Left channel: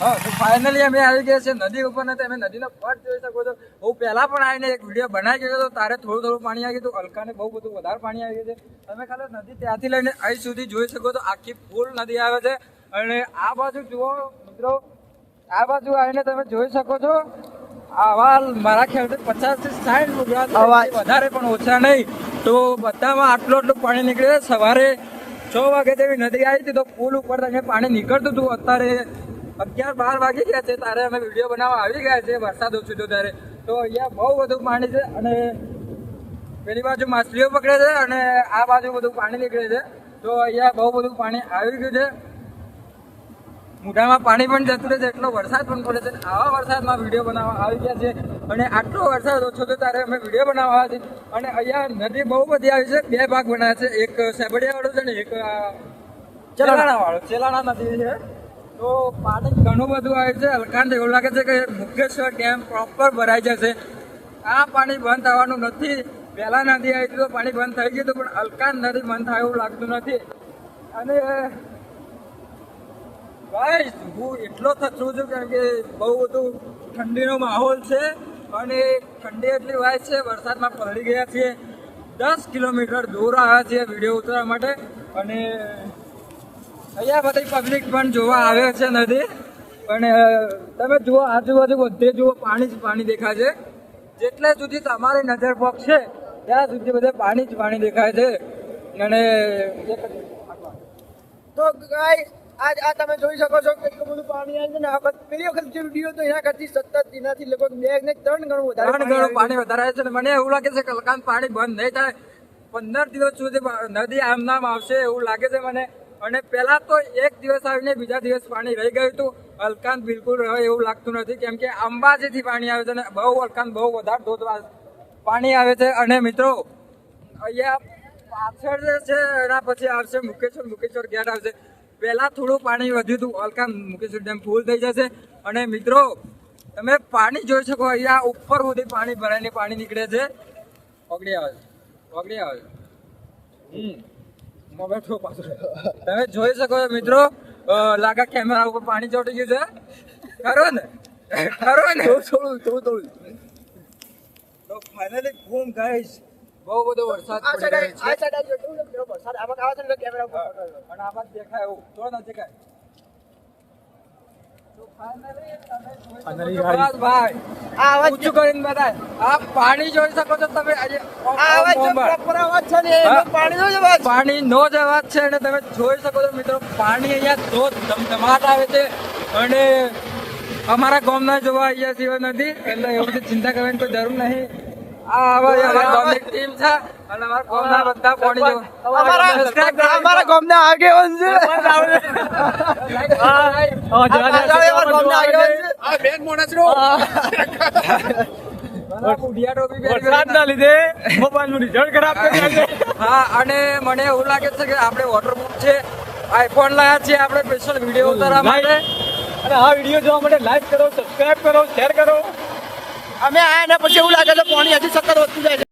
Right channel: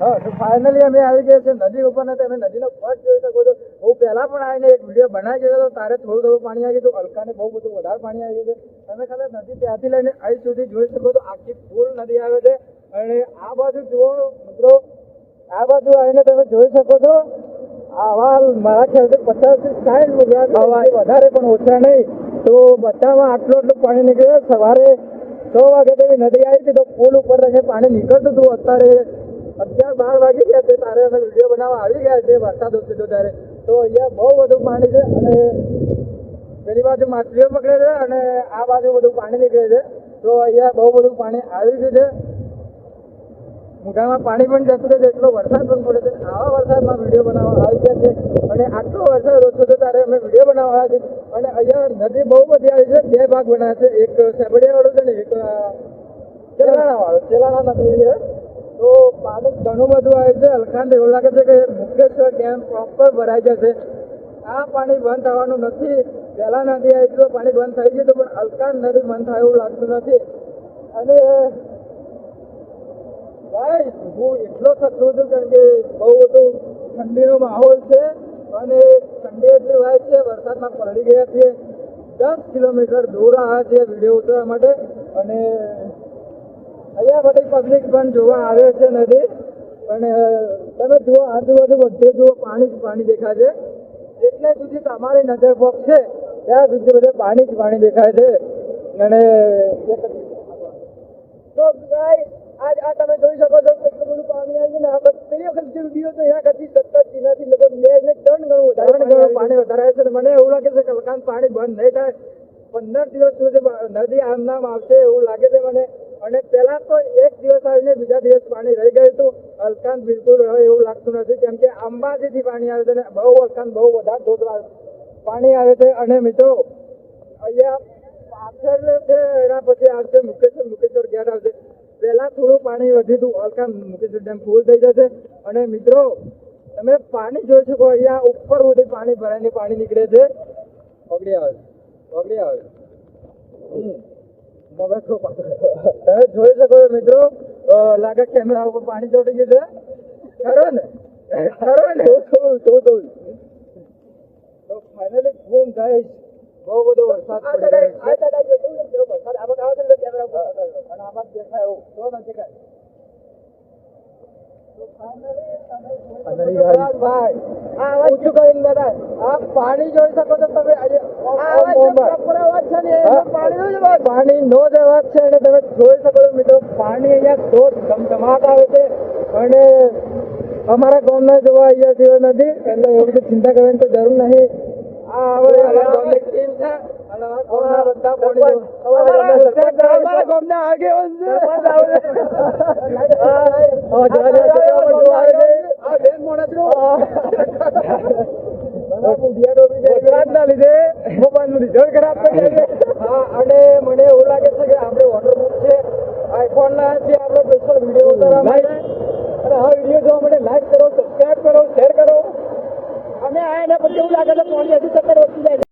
હા તો ફાઇનલી અમે આવી ગયા છે નદી ઉપર ને તમે નદીનો ફટ જોઈ શકો છો. હું પહેલા પણ આવીને એક વિડીયો બનાવી ગયો હતો, તારે થોડું પાણી આવી ગયું, અલકાને બહુ બધું વધારે પાણી આવી ગયું છે. તમે ખાલી નદી ત્યાંથી લઈને અહીં સુધી જોઈ શકો છો, આખી ફૂલ નદી આવે છે. અને આ બાજુ જુઓ મિત્રો, આ બાજુ આવીને તમે જોઈ શકો છો, આવા મારા ખ્યાલથી 50 થી 60 લુગડા વધારે પણ ઓછા નહીં. તો બધામાં આટલું પાણી નીકળે. સવારે 6 વાગે જેવી નદી આવી હતી તો પુલ ઉપર પાણી નીકળતું હતું. અત્યારે 11-12 વાગી ગયા છે, ત્યારે અમે વિડીયો બનાવવા આવી ગયા છે. વરસાદ ઓછો હતો ત્યારે. તો અહીંયા બહુ બધું પાણી છે અને પેલી બાજુ માછલીઓ પકડે છે અને આ બાજુ બધું પાણી નીકળે છે. તો અહીંયા બહુ બધું પાણી આવી ગયું છે. મોઢામાં પાણી પણ જતું રહે છે, એટલો વરસાદ પણ પડે છે. આવા વરસાદમાં વિડીયો બનાવવા આવી ગયા છે અને આટલો વરસાદ ઓછો છે ત્યારે અમે વિડીયો બનાવવા આવ્યા છે. અને અહીંયા નદી બહુ બધી આવી છે, 2 ભાગ બનાવ્યા છે, એક સેબડિયા વાળો છે ને એક ચેલાણા વાળો. ચેલાણા નદી છે તો પાણી ઘણું બધું આવે છે. અલકાને એવું લાગે છે કે મુકેશ્વર ડેમ પ્રોપર ભરાઈ જશે. આ પાણી બંધ થવાનું નથી. પહેલા નદી આવી હતી તો પાણી બંધ થઈ ગયું હતું, પણ અલકાન નદી બંધ થાય એવું લાગતું નથી. અને ભાઈ હું એટલો થતું છું કારણ કે બહુ બધું ઠંડીનો માહોલ છે અને ઠંડી એટલી વાય છે. વરસાદમાં પલળી ગયા છીએ, 10 કિલોમીટર દૂર આવ્યા છીએ વિડીયો ઉતારવા માટે. અને અહીંયા બધી પબ્લિક પણ જોવા આવે છે નદી. અને તમે જુઓ આજુબાજુ બધે જુઓ પાણી જ પાણી દેખાય છે. જેટલા સુધી તમારી નજર પહોંચશે ત્યાં સુધી બધે પાણી જ પાણી દેખાય છે. અને તો ગાઈસ આજ આ તમે જોઈ શકો છો કેટલું બધું પાણી આવ્યું ને. આ પેલી વખત જે વિડીયો તો એના કરતી સતત એનાથી લગભગ 2 ને 3 ગણું વધારે પાણી વધારે આવે છે. મને એવું લાગે છે કે અલકાન પાણી બંધ નહીં થાય. 15 દિવસ સુધી નદી આમ નામ આવશે એવું લાગે છે મને. અને પહેલા તો 1 દિવસ આવીને બીજા દિવસ પાણી રહી ગયું હતું. અલકાન બિલકુલ રહે એવું લાગતું નથી, કેમ કે અંબાજીથી પાણી આવે છે અને બહુ અલકાન બહુ વધારે ધોધમાં પાણી આવે છે. અને મિત્રો અહીંયા પાછળ જે છે એના પછી આવશે મુકેશ્વર ગેટ આવશે. પહેલા થોડું પાણી વધ્યું હતું, અલકાન મુકેશ્વર ડેમ ફૂલ થઈ જશે. અને મિત્રો તમે પાણી જોઈ શકો, અહીંયા ઉપર સુધી પાણી ભરાઈને પાણી નીકળે છે. ઓગળી આવે તમે જોઈ શકો છો મિત્રો. લાગે કેમેરા ઉપર પાણી ચોટી ગયું છે. ખરો ને થોડું તો ફાઇનલી ઘૂમ ગાઈસ બહુ બધો વરસાદ પડી રહ્યો છે. વરસાદ આમાં આવે છે ને કેમેરા ઉપર અને આ બાદ દેખાય એવું તો નથી કાંઈ. તો ફાઇનલી ભાઈ ઊંચું કરીને બતાય. આ પાણી જોઈ શકો છો તમે. પાણી નો જ અવાજ છે અને તમે જોઈ શકો છો મિત્રો, પાણી અહીંયા ધોધ ધમધમાટ આવે છે. અને અમારા ગામના જોવા અહીંયા સિવાય નથી, એટલે એવું બધી ચિંતા કરવાની કોઈ જરૂર નહીં. આ અમારા ગામની ટીમ છે અને અમારા ગામના બધા પાણી અમારા ગામના આગેવાન છે. હા, અને મને એવું લાગે છે કે આપણે વોટરપ્રૂફ છે, આઈફોન લાયા છીએ આપણે સ્પેશિયલ વિડીયો ઉતારવા માટે. અને આ વિડીયો જોવા માટે લાઈક કરો, સબસ્ક્રાઇબ કરો, શેર કરો. અમે આયા ને પછી એવું લાગે છે પાણી હજી 17 વધતું જાય છે.